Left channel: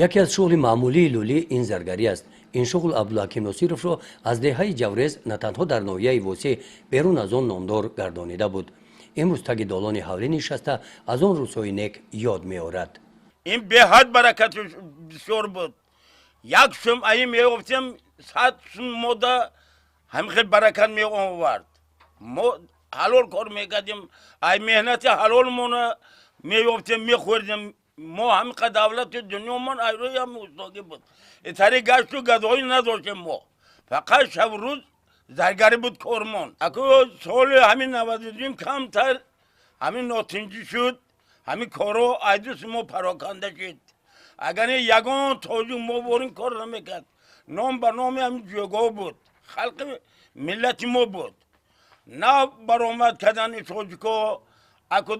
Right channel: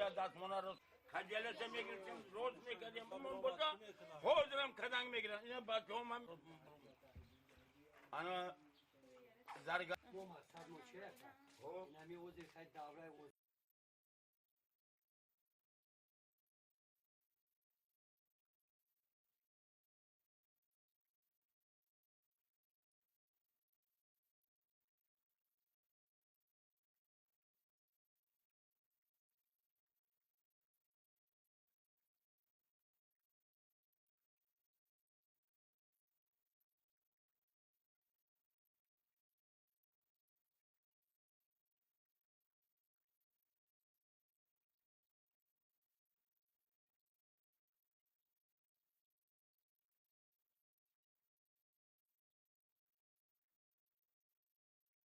یکی از شغل معمولی لولی این زرگری است. این شغل عبدالحکیم نصیرов را از دهه جوریز نه تنها در ناحیه وسیع بیرون از آن نامدار گردانیده بود. امروز تگ دالان حولی نشسته از آن روزهای نیک یاد می‌آورد. این به حد برکت بسیار بود. یک شم ای میگفتیم 100 موده همخیل برکت می آورد. ما حلال کار میکردیم، ای مهنت حلال مونه میگفتیم میخوردیم. ما همه دولت دنیا من ایروی هم استاگی بود. اتاری گشت و گدایی نداشتیم ما. فقط شب روز زرگری بود کارمون. اکو سال همین 92 کمتر همین ناتنجی شد. همین کارو ایدوس ما پراکنده شد. اگر یگان توجه ما بورین کار نمیکرد. نام بر نام همین جوگاه بود. خلق ملت ما بود. نه برآمد کردن توجه که اکو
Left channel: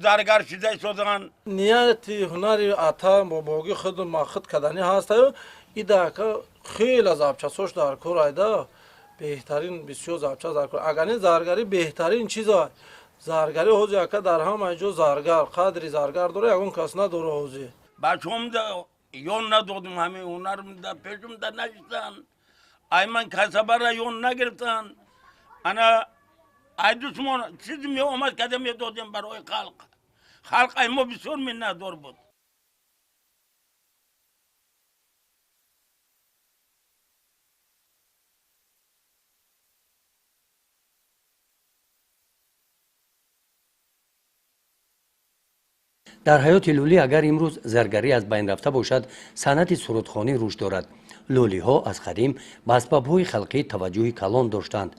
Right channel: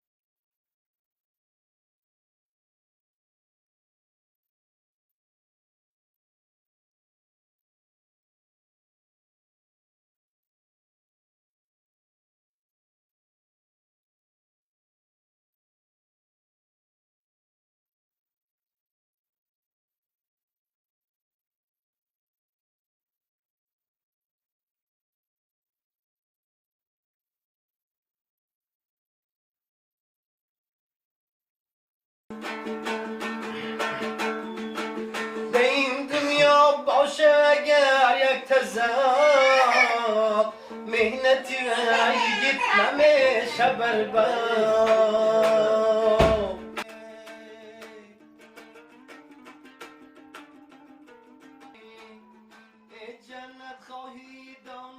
زرگر شده شدن. نیتی هنری عطا باباگی خود ماخد کردنی هست. ایده که خیلی از آبچسوش در کار ایده بهترین بسیار زبچه در کار. اگر زرگری بهترین چیز است. زرگری هوزی که در همه جا زرگر قدری زرگر داره یکون کس نداره هوزی. بچه‌م دا یون ندادم همه هنرم دا پیشم دا نشستن. ای من کسبه را یون نگرفتن. انا ای دوستمان چیزی می اومد کده می دادیم برای خلق. خلق ای ما بسیار منتدار بود. این دنیا باشه اگر یک تزاد مهنتی یگید نمیشه برباد. در حیات لولی اگر امروز زرگری از بین رفته باشد صنعت سرودخوانی رشد دارد. لولی ها از قدیم به اسباب های خلقی توجه کلان داشتند.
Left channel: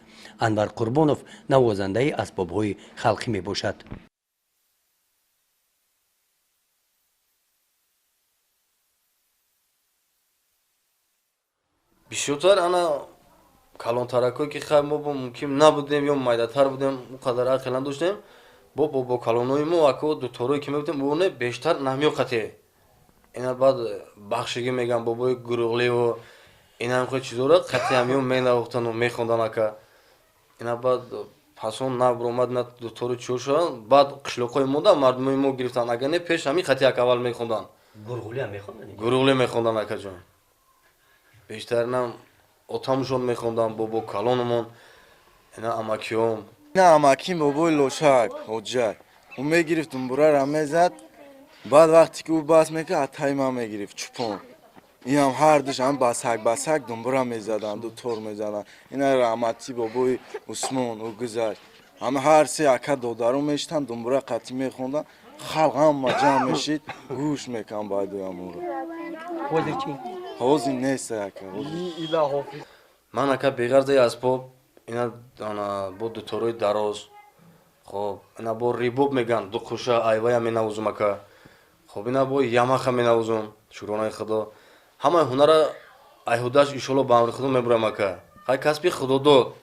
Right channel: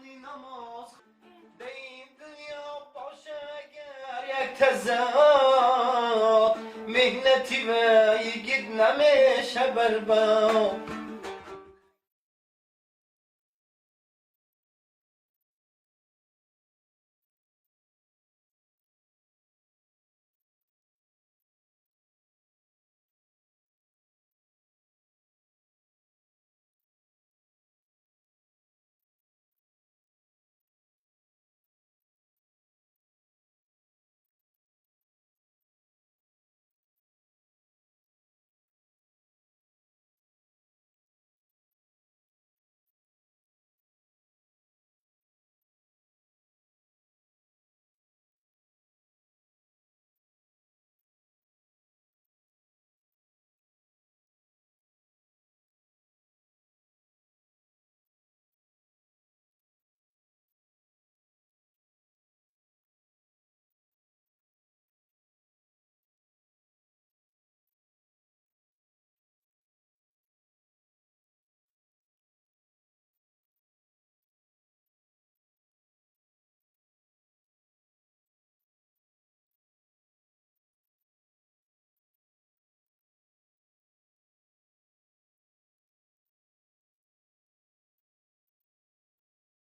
انور قربانوف نوازنده اسباب های خلقی می باشد. یک تزاد مهنتی یگید نمیشه برباد. بیشتر انا کلان ترکایی که خیلی ما با ممکن نبودیم یا مایداتر بودیم اونقدر عقل نداشتیم با کلانای ما اکو دکترایی که میگفتیم اونه بیشتر نمیوقته. اینا بعد بخشگی میگم بابای گروغلی و اینا هم خیلی چیزا را قطعی همیون مینواختن و میخوندن اکا. اینا بعد پسون نبرومد نه دکتر چور شدن بعد قشلاقای مونده مردمای ما گرفتن اگر نه پیش همین خطی اک اول میخوندن. گروغلی هم میخوندن. گروغلی میخوندن اکا جان. بیشتر نم اتامشون میخوندن بابا کلانمون اینا اماکیوم. نه اماکیم بابای لوشک حجت اون میگرفتم برای را میزد بعد وقتی که او باز میکرد اتای ما میگرفت چپون این هم هر دوش هم بسک دنبرا میزدن دو تور میزدن اینا رحمتی بابای عثمان او گذشت همه هر سه اکا دودارو میشتن دنبرا قطعی میخوندن خلق هم ما جمع میشید گوش میکن باید او همون رو حوزی چی؟ حوزی نیست اکا من اکا بغرده اسباب اینا با دکترای دراز خب اینا با ریبوب میگن دو خوشه ایوای مینوزم اکا خب اینا با یاماخا مینوزم شکرانه خدا همه هنر ایهوداش ایشالله با امر خدا میبرم اکا خیلی کسبی خدا داد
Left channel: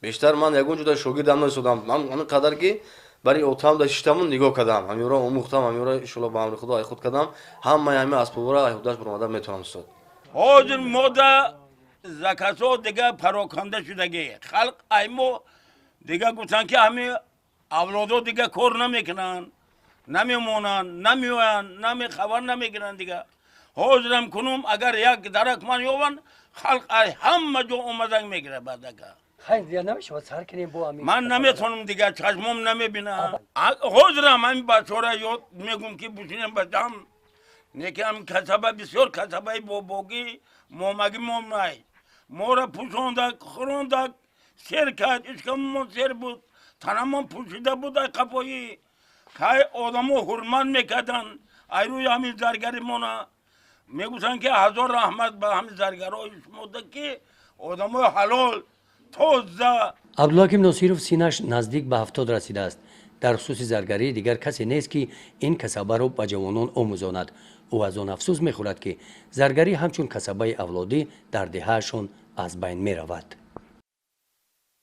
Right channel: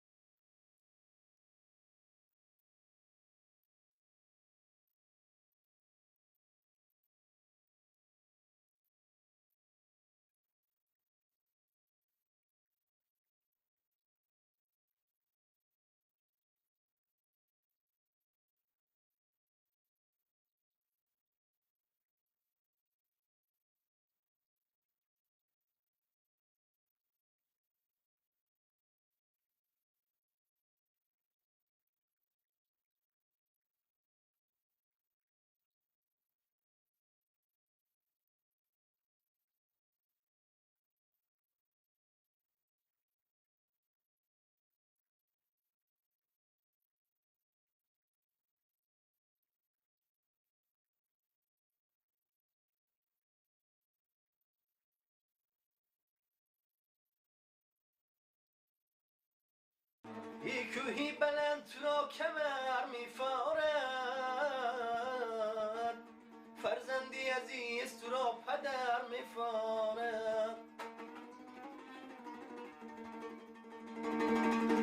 بیشتر من یگون جدا شاگردم نشدم من همین قدر که برای اوتام داشتم نگاه کردم همین را آموختم همین را ایشالله با امر خدا ای خود کردم همه اسباب را ایهوداش برآمده میتونم استاد حاضر مودا زکاتو دیگه پراکنده شدگی. خلق ایمو دیگه گفتن که همه اولادو دیگه کار نمیکنن. نمیمونن، نمیوین، خبر نمیگیرن دیگه. حاضرم کنم اگر یک درک من یوان خلق ای همه جو اومدن میگیره بعدکه. خیلی زیاد نمیشه با سر کنیم با همین. من نمیتونم دیگه چشمم نمیبینم. حاضرم همین بچه‌ها یاد میگم که بشینم بچم. نیکم کسبه بسیار کسبه باباگی مومگی مومنای. مورا پوشوندک خوروندک سر کرد اشکمون سر بود. تنمون پوشیده بود ای قفایی. که آدمو حرمت میکردن ایروی همین زرگری مونا میگوشن که هزار رحمت به همین زرگرهای شموده که آدمو حلال توزه. عبدالحکیم نصیرов سینش نزدیک به 70 رسیده است. در خصوص زرگری دیگر کسی نیست که این کسبه را به جوانان آموزاند. او از آن افسوس میخورد که زرگری همچون کسبه اولادی در دههشان از بین میرود.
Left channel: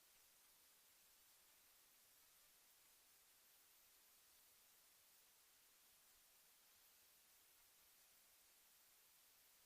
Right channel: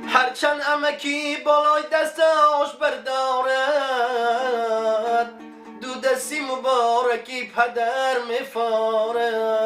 هرچند امکی بالای دستاش بردارد دو دستی مبارکی پدر میفارد